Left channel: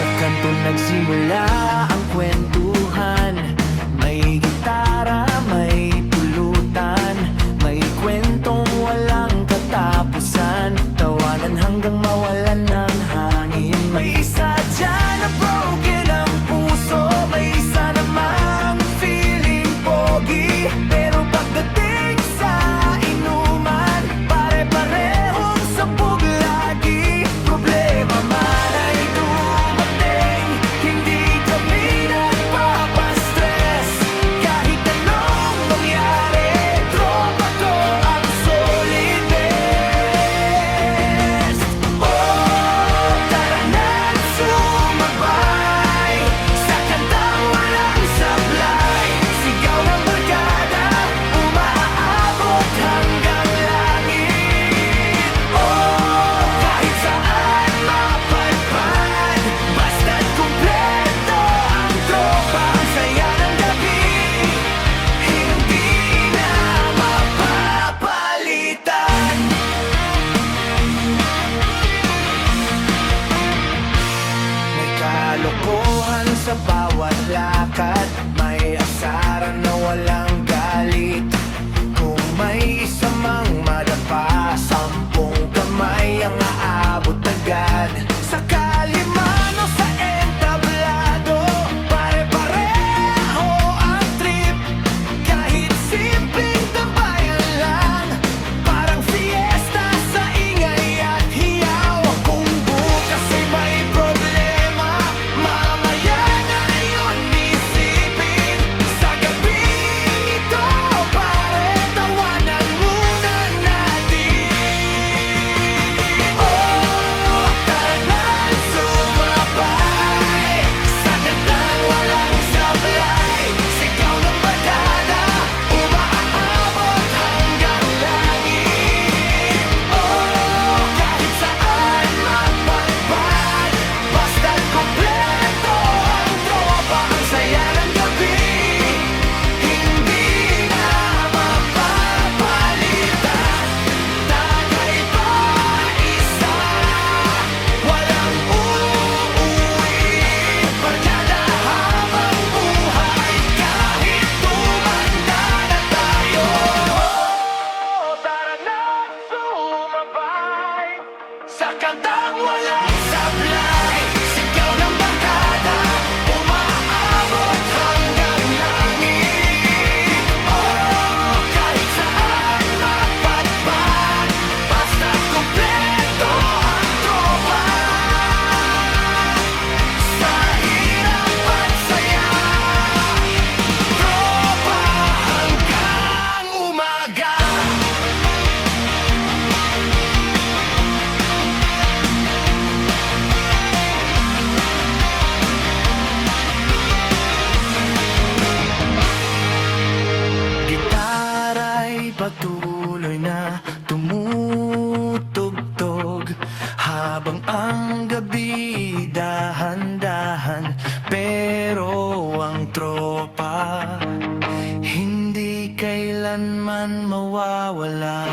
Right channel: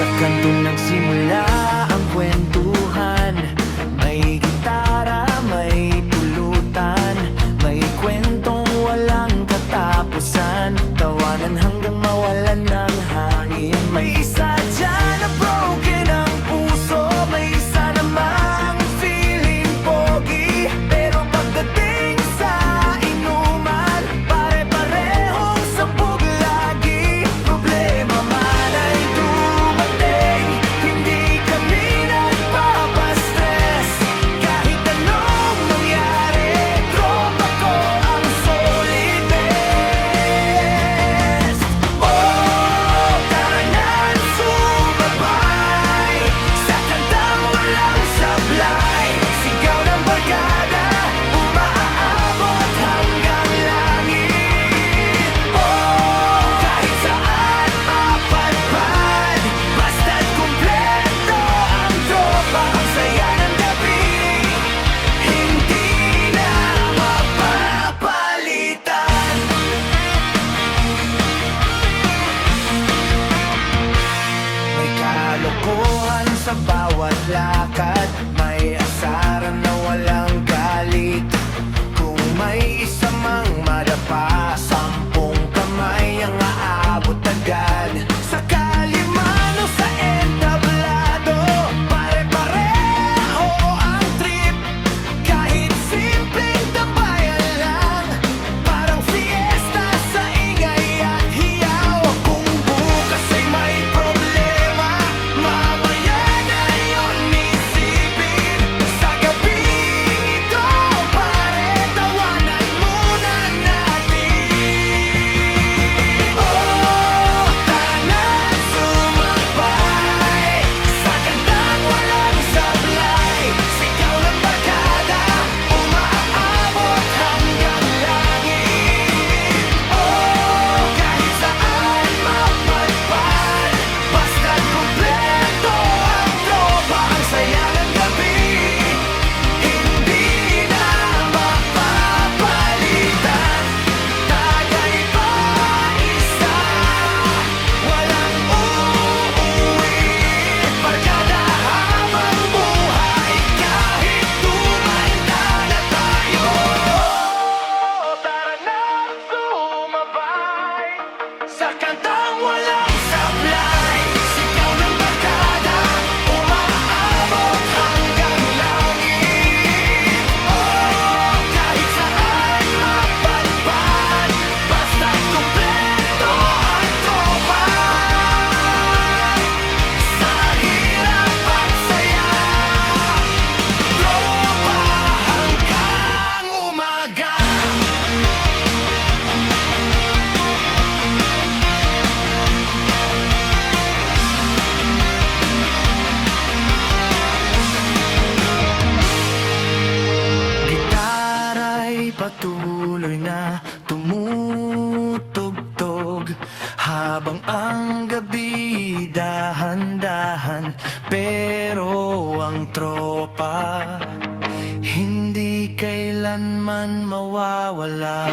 Sa kanto nagsimula ang kwentuhan. May gitara, may pulutan, may kwentong walang katapusan. Tawanan hanggang mawalan ng hangin. May isa dyan na broken ang puso, may isa namang feeling pogi. Pero pagdating sa inuman, pare-parehong sabog lagi. Problema man ay dumating, hindi kami nagpapastress. Kahit anong mangyari, tropa ko ang solid best. Oh, tara na't sumabay sa kantang walang sablay. Sigaw ng barkada, umaabot hanggang langit. Oh, kahit saan mapadpad, basta't kumpleto ang tropa. Ang saya ng gabi, hindi na mapapalitan. May kalokohan sa bawat lakad, may asaran na walang galit. Kung may isa mang madapa, 10 kamay ang aabot agad. Sa kalimano, sa entablado, pare-pareho ang trip. Kahit simpleng tambayan lang, parang fiesta sa ingay at hiyaw. Kung bukas ay may problema, mamaya na yun isipin. Sa gabing ito, pare, tawanan muna natin. Oh, tara na't sumabay sa kantang walang sablay. Sigaw ng barkada, umaabot hanggang langit. Oh, kahit saan mapadpad, basta't kumpleto ang tropa. Ang saya ng gabi, hindi na mapapalitan. Tagay pa isa, walang uuwi. Barkada habang buhay, kahit tumanda na tayo. Oh, tara na't sumabay sa kantang walang sablay. Sigaw ng barkada, umaabot hanggang langit. Oh, kahit saan mapadpad, basta't kumpleto ang tropa. Sa hirap at saya, tropa hanggang umaga. Gitara'y patuloy na tumutugtog habang ang gabi dahan-dahan. Pero ang tropa hindi kailanman mawawala.